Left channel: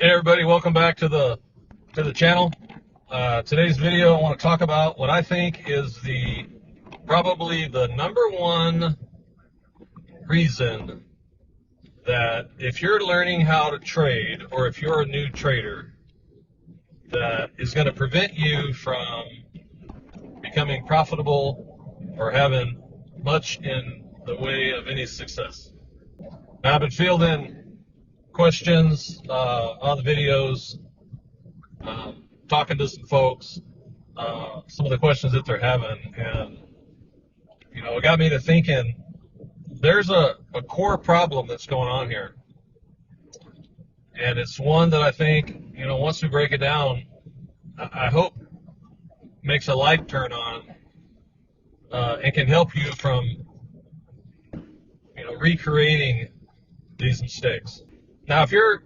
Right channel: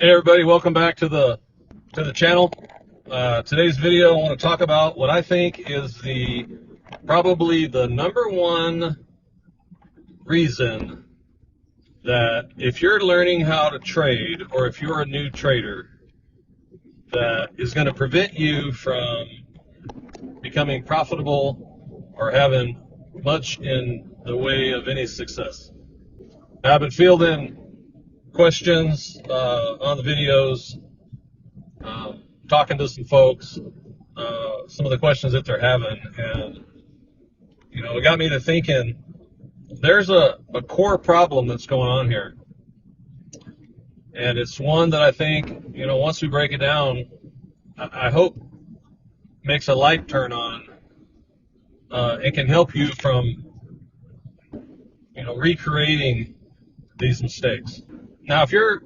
Hey everybody, welcome back to the channel. Today's video, I want to talk about what I think is probably the number one reason that if you're learning how to trade, or if you're a new trader, that is going to prevent you from becoming profitable or having much in the way of any success. Now, I've been fielding questions on the videos, talking to some folks, some of the questions that they're having, and it got me to thinking there's a core problem that's going on here, and it's one that I think once we break it down, I hope makes a light turn on, and can help you from recreating these mistakes. Now, if you're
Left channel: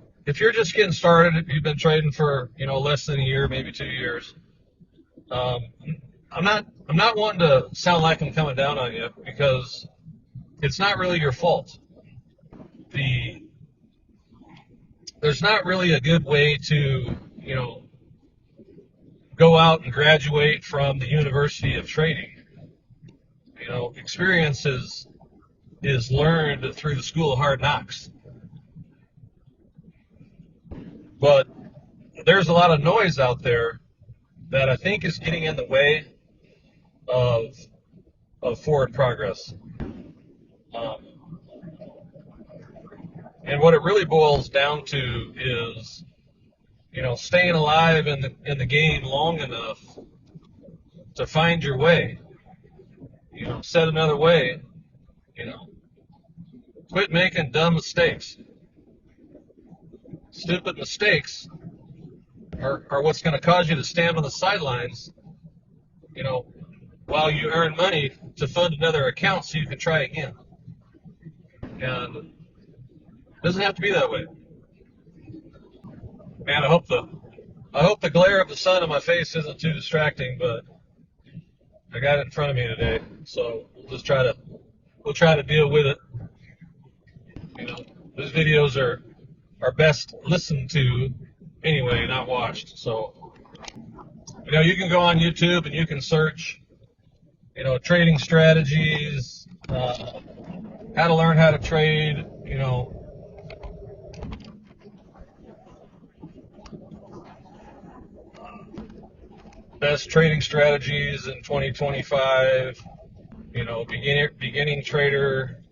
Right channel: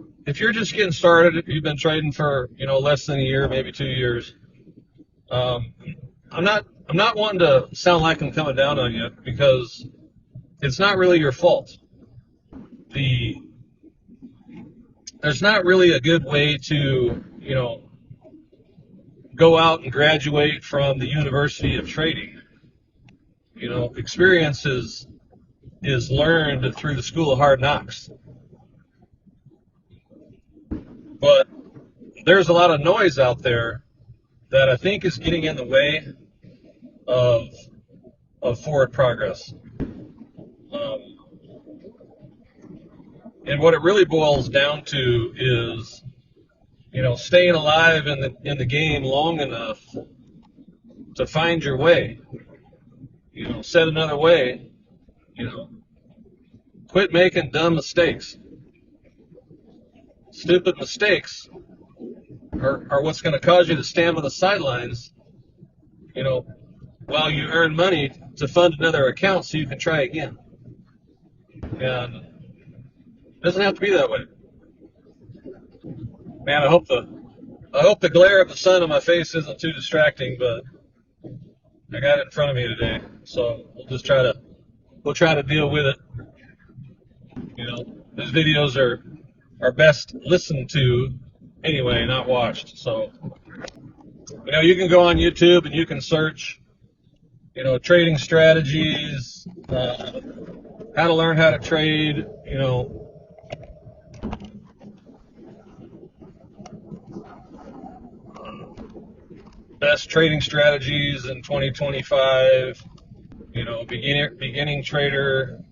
just getting started, if you've been trading for less than a year, maybe 2 years, I'm not wanting to sound like I'm coming down on you, because it's not really your fault. There's not really a good way to go out and graduate from the University of Trading. Experience is learned through the School of Hard Knocks. But there's a lot of noise out there that I think is getting in the way of forward progress. And what it really boils down to is, staying alive in the game long enough to find your way. Said another way, quit making dumb mistakes. Stupid mistakes are what's going to cause you to stand on the sidelines, while you earn money to fund another account so you can try again. And it doesn't have to be that way. Man, I hope the glare of the sun on my face isn't too distracting, but I got it in front of me today, so we'll try to deal with it. These videos are best listened to anyway, not watched. So, you can go on YouTube and you can search, trading strategies, how to learn how to trade, best trading strategies in 2025, beginning trader,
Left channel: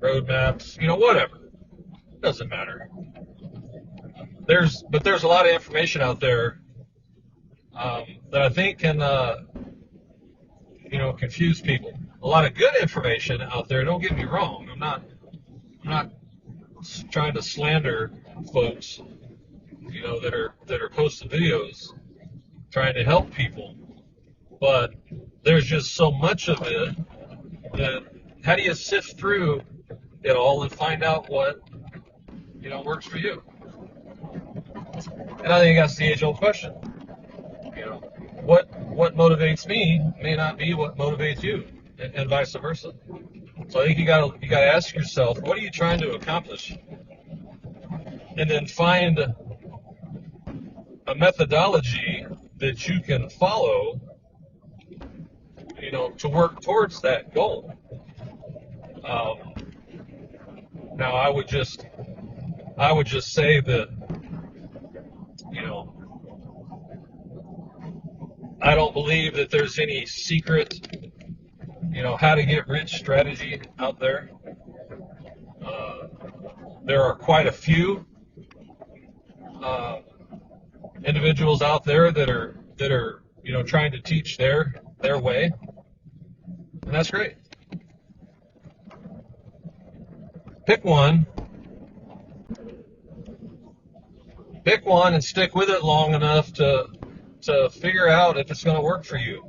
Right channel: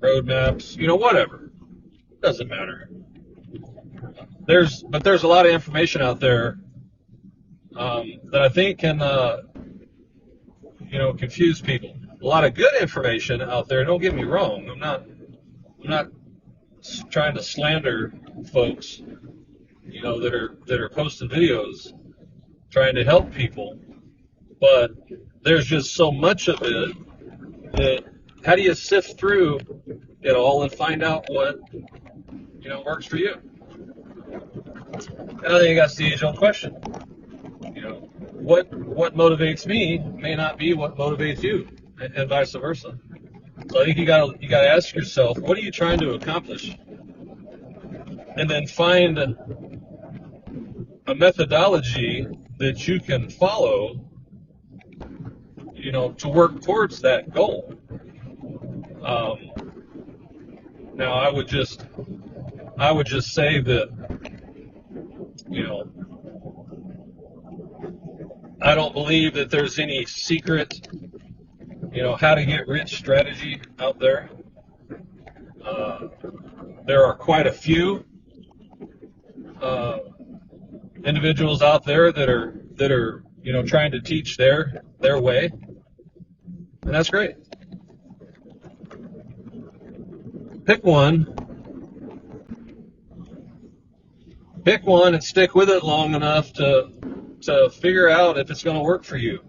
roadmaps, whatever. Doesn't matter. There's a lot of information out there that I think can confuse people. A lot of good information out there. Don't get me wrong. I'm not trying to slander folks, that are posting videos trying to help people, but there's just so much of it that how do you sift through it all and find out what works for you? And I think that's the age-old question. What motivates me may not be what motivates you, and vice versa. So I think you gotta ask yourself, what are you trying to accomplish, and then find a methodology that you can follow, to work towards that goal. Now, I would just say that, I don't believe that there's any secret, how to get rich strategy out there. There are quite a few individuals out there that are trying to teach their way, and that's great. Pick one and stick with it long enough to figure out if it's going to work for you.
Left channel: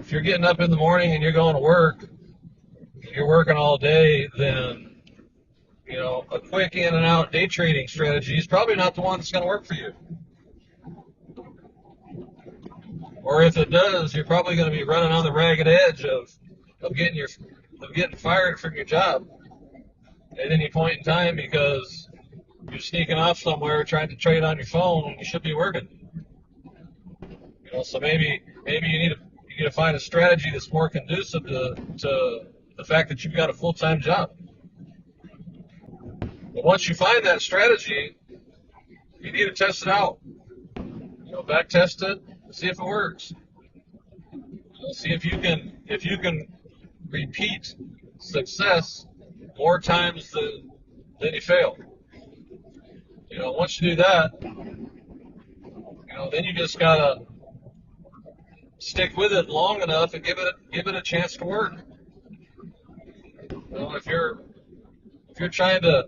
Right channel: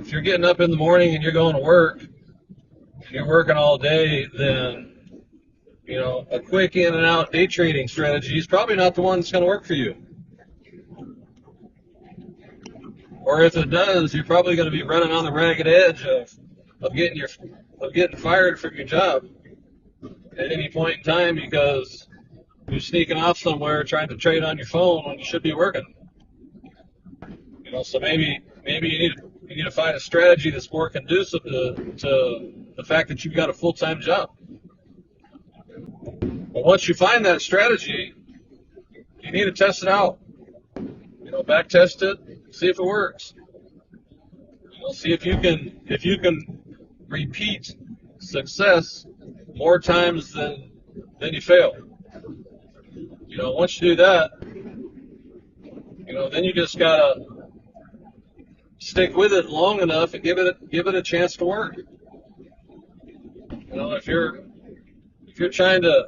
If you're getting up in the morning and you're going to work and you're working all day, then a quick in and out day trading strategy is probably not the one that's going to work for you. Or if it does, you're probably going to be running on the ragged edge of getting fired from your job, at any point in time because you're sneaking off somewhere trying to trade on your phone when you should be working. So maybe you need to find a strategy that's more conducive to the fact that you've got a full-time job. But once you find that strategy, you need to test it out. Back test it, see if it works. See if you can repeat success more times than you fail. Once you do that, then you just gotta stick with it long enough and give it a chance to work. If you're trying to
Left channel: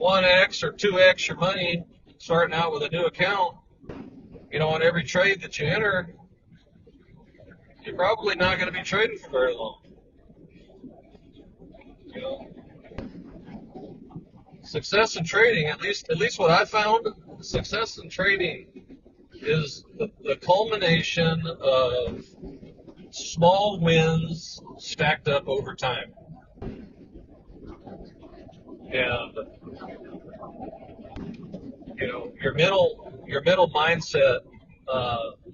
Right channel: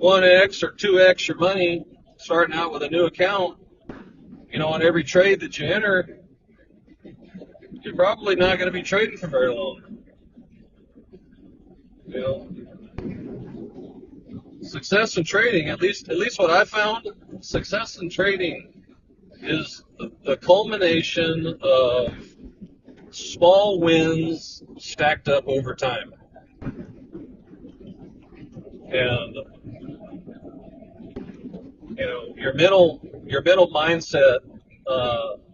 1x or 2x your money starting out with a new account, on every trade that you enter, you're probably not going to be trading for very long. Success in trading, at least what I found, success in trading is the culmination of small wins stacked up over time. And your mental mindset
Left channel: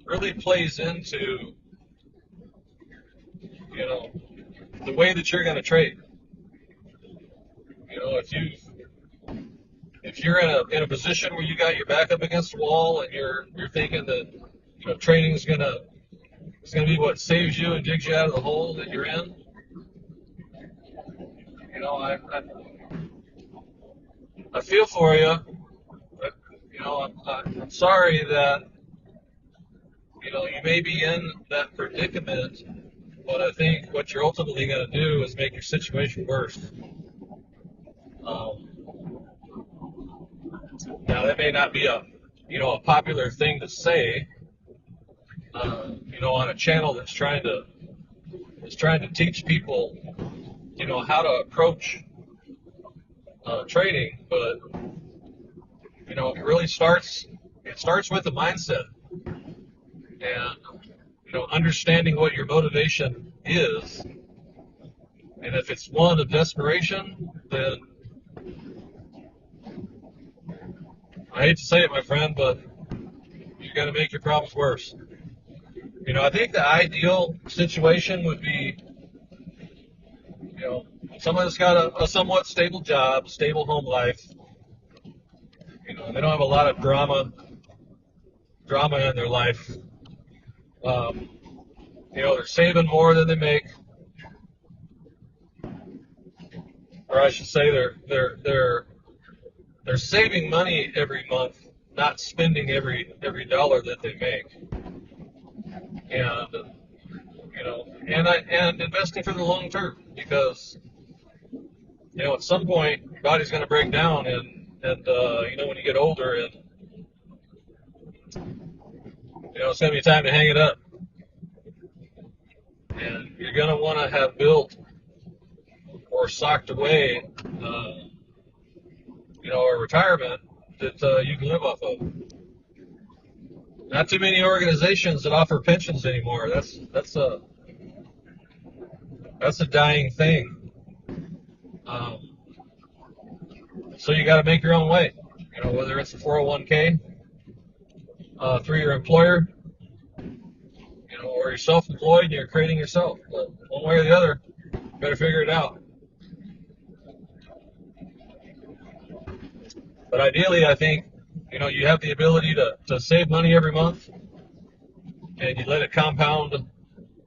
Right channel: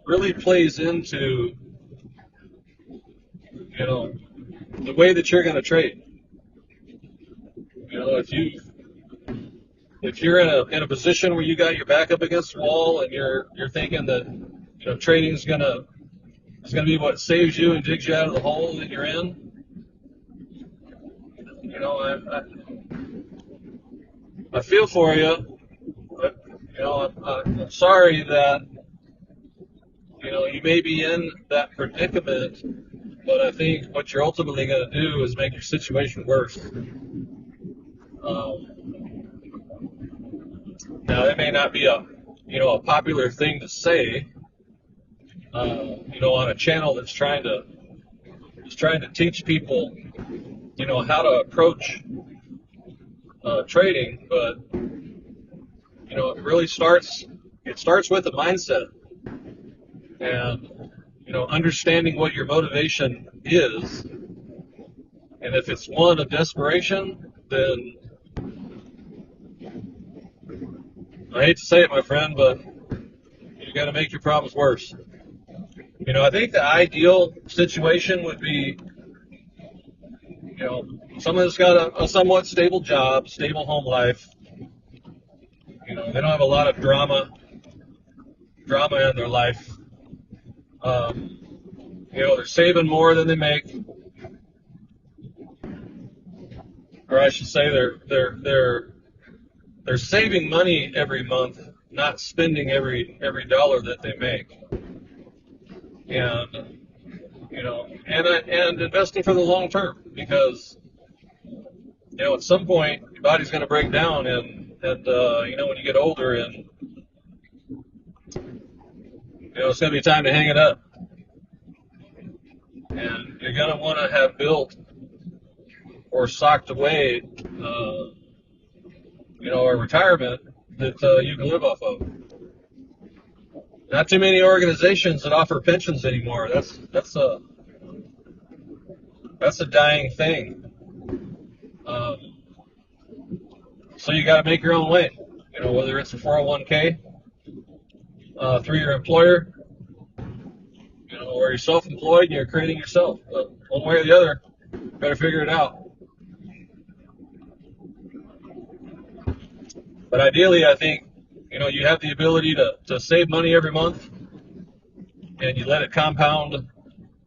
really plays into the way that you're going to trade. If you're in a position where you got your back up against the wall and you're thinking that trading is gonna be what saves you and digs you out of the hole that you're in, I feel for you. I'm sorry that you may be in that predicament, but I think what you're ultimately going to do is make your situation worse. Now that may not be a popular thing to say, on a channel that's trying to teach people, how to approach trading, but it really starts with the mindset and understanding what your motivation is, and if it's one of desperation, then I hate to say it, my friend, but you're going to make your problems worse. I think the ideal situation would be, someone that's got a somewhat stable job, stable home life. They don't have a lot of drama in their life. They're saving more than they make, or I should say, they're saving money every month, not spending every dollar that they make, and and investing for the long term, because at some point your body's going to break down, and when you get older, and it's going to be time to hang it up, and you're going to want to have built or socked away a retirement that you can live off of. Not too many organizations that offer pensions anymore. That's a dying thing. So you got to make your own way. Whether it's a 401k through your employer, or you're self-employed and you're creating yourself. But one way or the other, you better figure it out. But ideally, I think you have the ability to save money every month, and you let it compound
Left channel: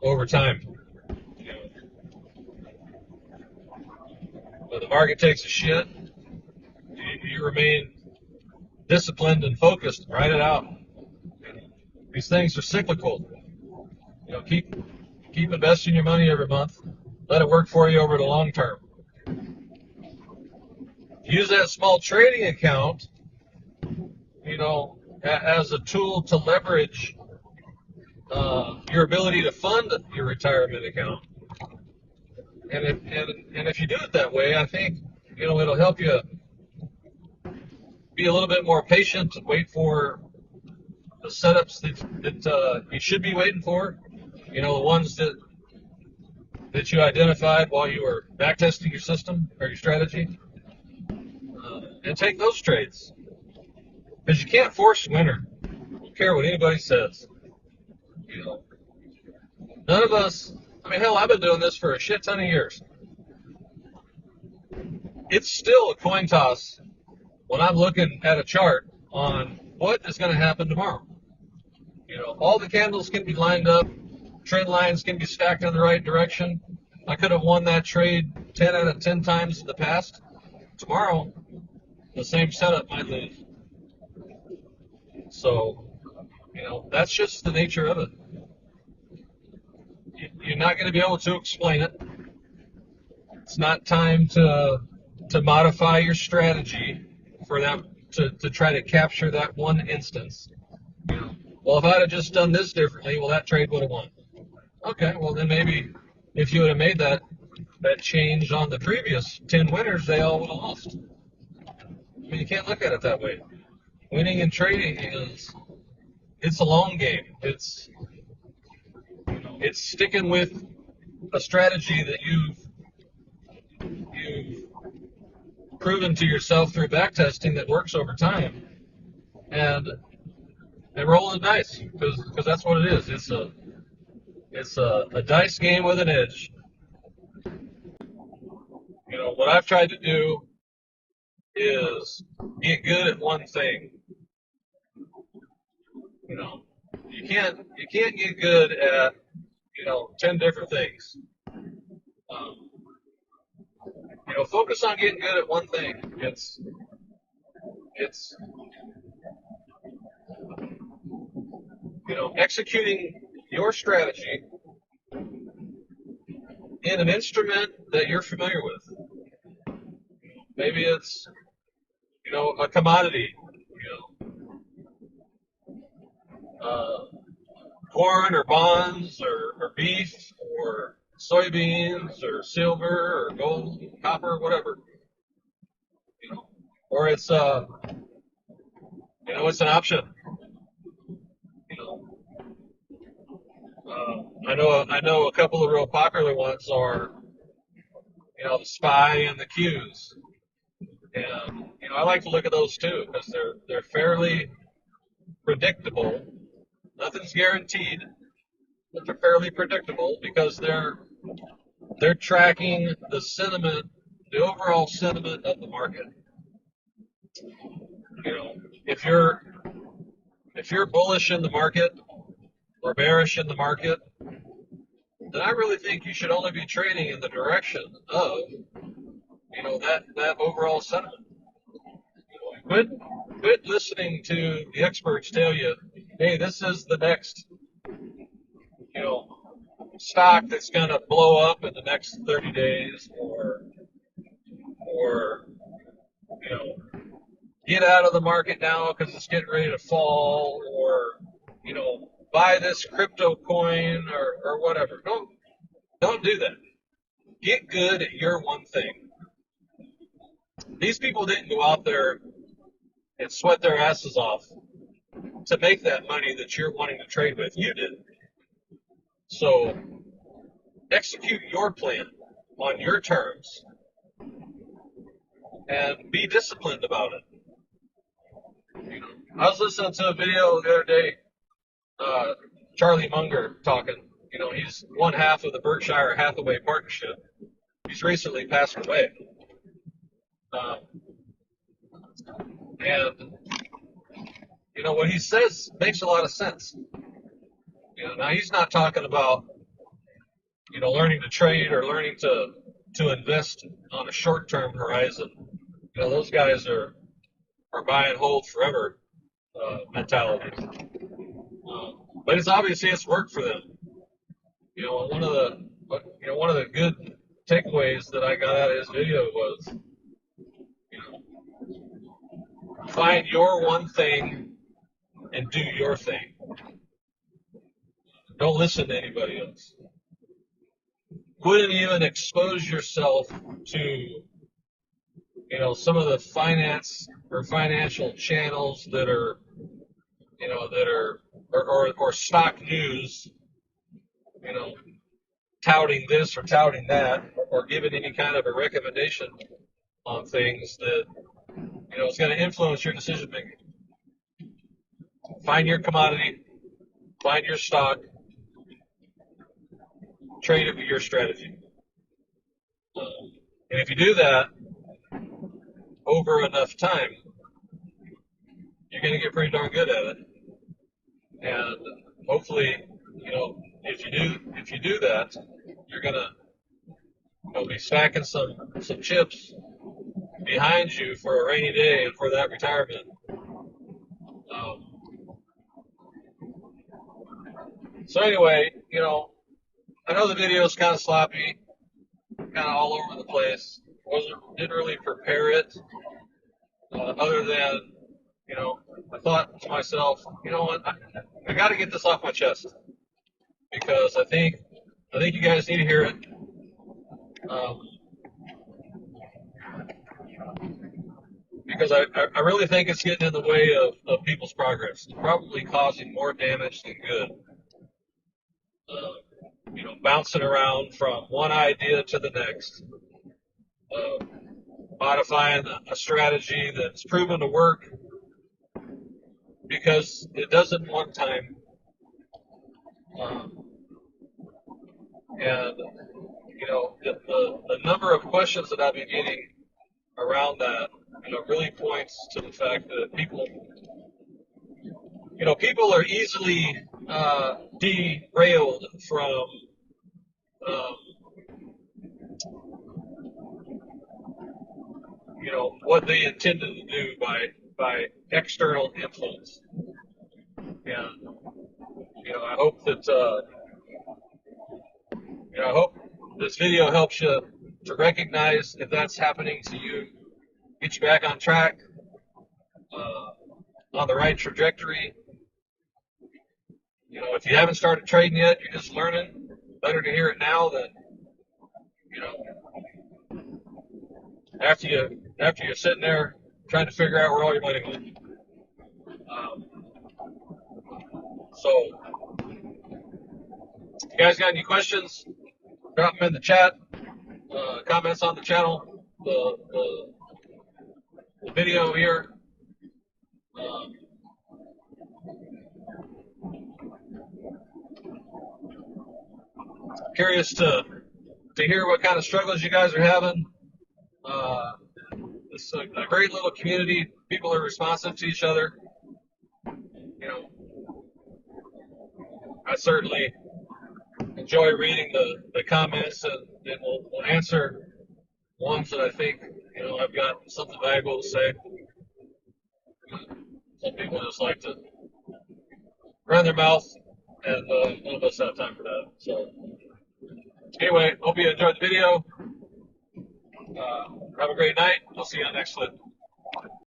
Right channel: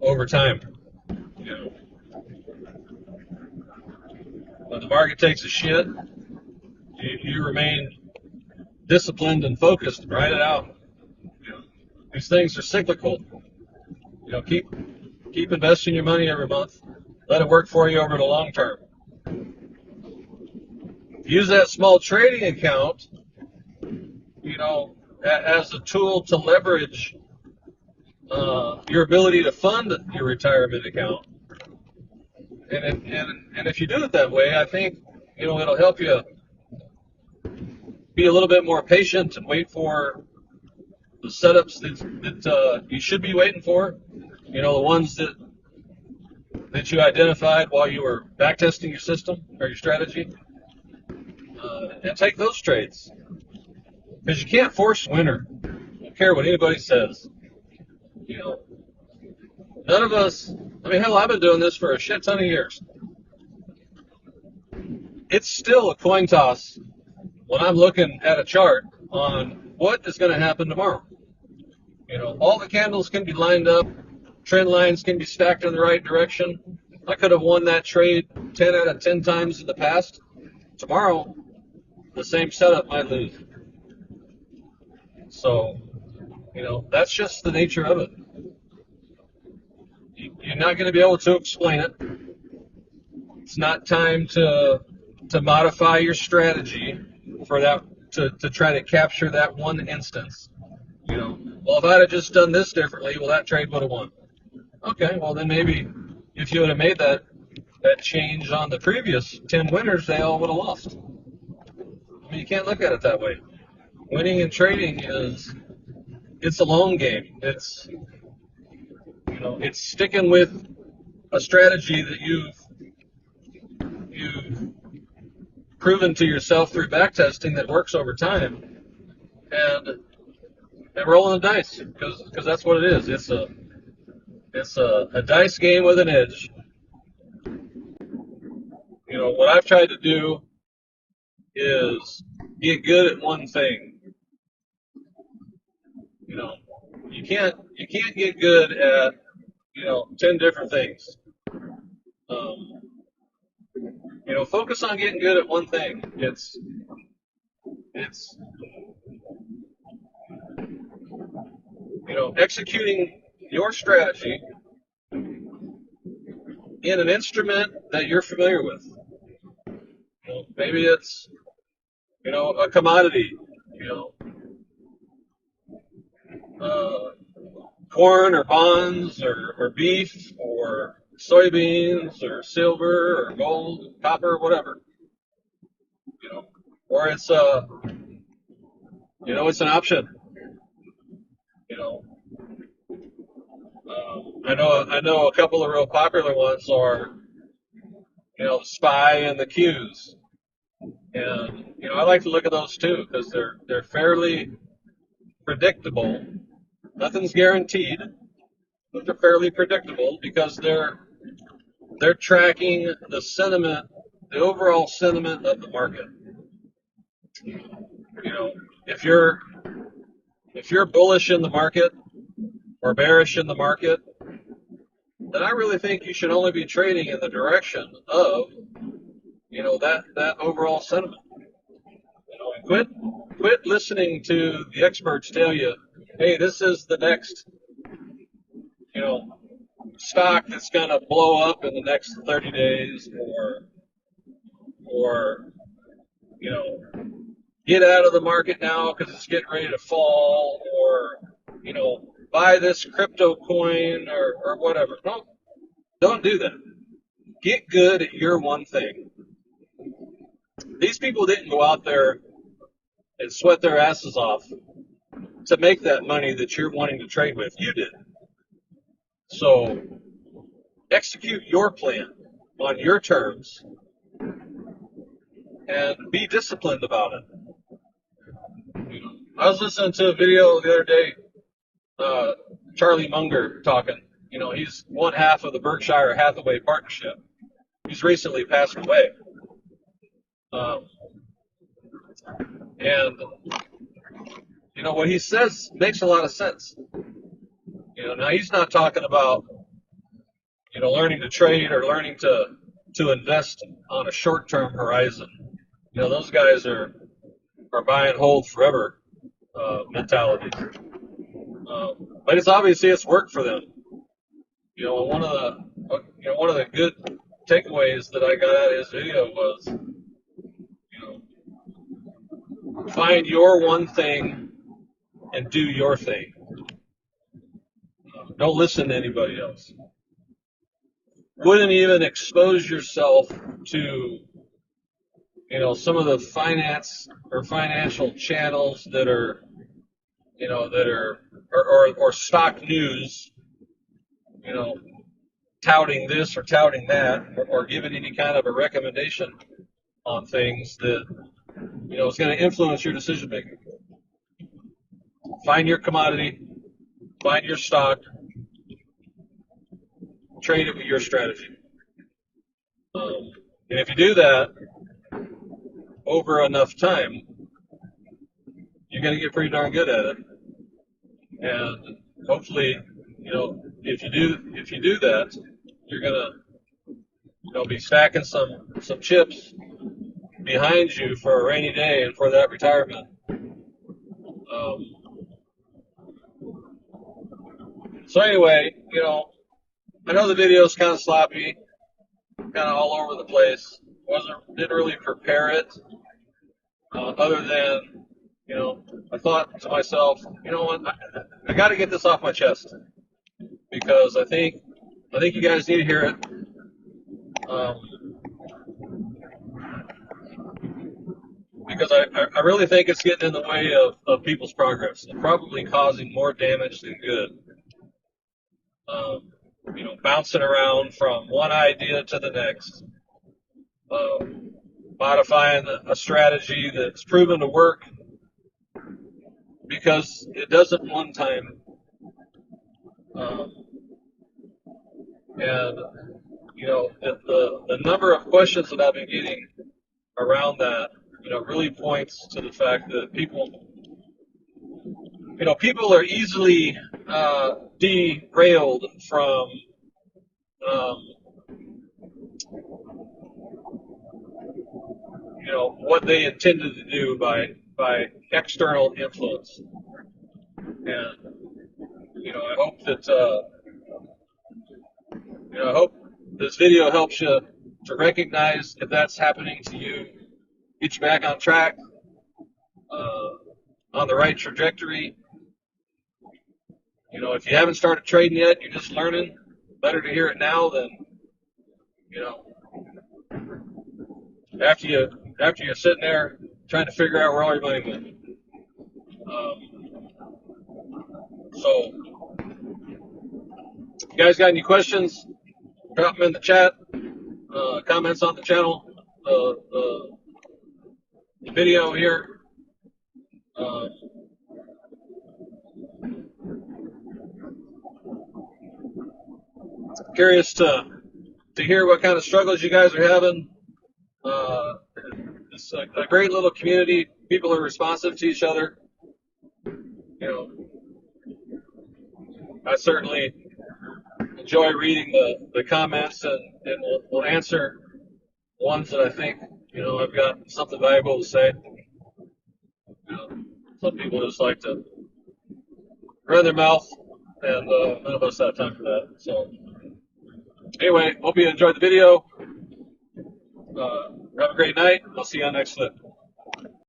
over time. When the market takes a shit, you remain disciplined and focused. Ride it out. These things are cyclical. Keep investing your money every month. Let it work for you over the long term. Use that small trading account, as a tool to leverage your ability to fund your retirement account. And if you do it that way, I think it'll help you be a little bit more patient and wait for the setups that you should be waiting for. The ones that that you identified while you were backtesting your system or your strategy, and take those trades. Because you can't force winner. I don't care what anybody says. You know, none of us. I mean, hell, I've been doing this for a shit ton of years. It's still a coin toss when I'm looking at a chart on what is going to happen tomorrow. You know, all the candles can be lined up, trend lines can be stacked in the right direction. I could have won that trade 10 out of 10 times in the past. Tomorrow, the same setup might lose. So, you know, that's just the nature of it. You're not going to be able to explain it. It's not time to modify your strategy for that, to try to capture that one instance. You know, well, if I'd have just done this differently, well, that trade would have won. Okay, well, then maybe if you would have made that change on the previous 10 winners, they all would have lost. I mean, you can't look at it that way. Winning and trading it's a long game. It's, you know, it's sticking with a strategy that you've proven to yourself through backtesting that works over time, and rolling the dice, because that's what it is. It's a dice game with an edge. You know, what I've tried to do is get good at one thing. You know, you can't get good at, you know, 10 different things. You know, focus on getting good at one thing. It's you know, executing your strategy in an instrument that you're familiar with. You know, maybe it's, you know, a commodity, you know, corn or bonds or beef or soybeans or silver or gold, copper, whatever. You know, or it's you know, it's an option. You know, I know a couple of real popular ones are, you know, the SPY and the Qs, and you know, I like to look at those too because they're fairly predictable. Nothing's guaranteed, but they're fairly predictable because they're tracking the sentiment, the overall sentiment of the market. You know, if you're bullish in the market or bearish in the market, then I really think you should only be trading in the direction of, you know, that overall sentiment. You know, and quit listening to the experts tell you, hey, this is the next, you know, stock that's going to blow up in the next 30 days, or you know, get out of the market now because it's getting ready to fall, or you know, buy this crypto coin or whatever. Don't do that. Get good at your one thing. These people didn't go out there and sweat their asses off to make that money that you're wanting to trade with. You did. So execute your plan on your terms and be disciplined about it. You know, I was listening to a video the other day, Charlie Munger talking. You know, he's one half of the Berkshire Hathaway partnership. He's recently passed away. And, you know, what he says makes a lot of sense. You know, now he's not talking about, you know, learning to trade or learning to invest on a short-term horizon. You know, those guys are buy and hold forever mentality. But it's obviously it's worked for them. You know, one of the good takeaways that I got out of his video was, you know, find your one thing and do your thing. Don't listen to anybody else. Wouldn't even expose yourself to, you know, some of the finance or financial channels that are, you know, or stock news, you know, touting this or touting that, or giving any kind of a recommendation on things that, you know, is going to influence your decision making. Find your commodity, find your stock, trade it with your strategy. And if you do that over enough time, you're going to get pretty darn good at it. And hopefully, you know, if you do that, you're going to, you know, be stacking some chips behind you for a rainy day and for that retirement. So anyway, you know, I know the video's kind of sloppy, kind of all over the place. Didn't really prepare it, other than, you know, I thought to myself, you know what, I got to get this off my chest because I think you guys need to hear it. Because I really think it's getting in the way of people's progress. It's probably causing more damage than good. You know, bouncing around from one idea to the next, modifying a strategy that's proven to work because it doesn't one time, and you know the number of questions that I've been getting around that, you know, really points to the fact that people are easily derailed from you know, what they intended to do by external influence. And you know, I hope that you know, I hope this video helps you to recognize if that's happening to you, get you back on track, on the right trajectory. You know, if you haven't started trading yet, you're just learning. Better to hear it now than, you know, after you're sitting there trying to figure out where all your money went. So, if you guys got any questions, drop them in the chat, comments on the channel, the video here. Curious to hear what kind of struggles you guys are having. It's a great little community. People are responsive to each other. You know, I certainly enjoy reading the comments, and we'll answer ones that I think, you know, I've got something valuable to say. You know, some people just like to run their mouth, and none of us have time for that. So anyway, hope you enjoyed the video. Have a great night. I'll see you on the next clip.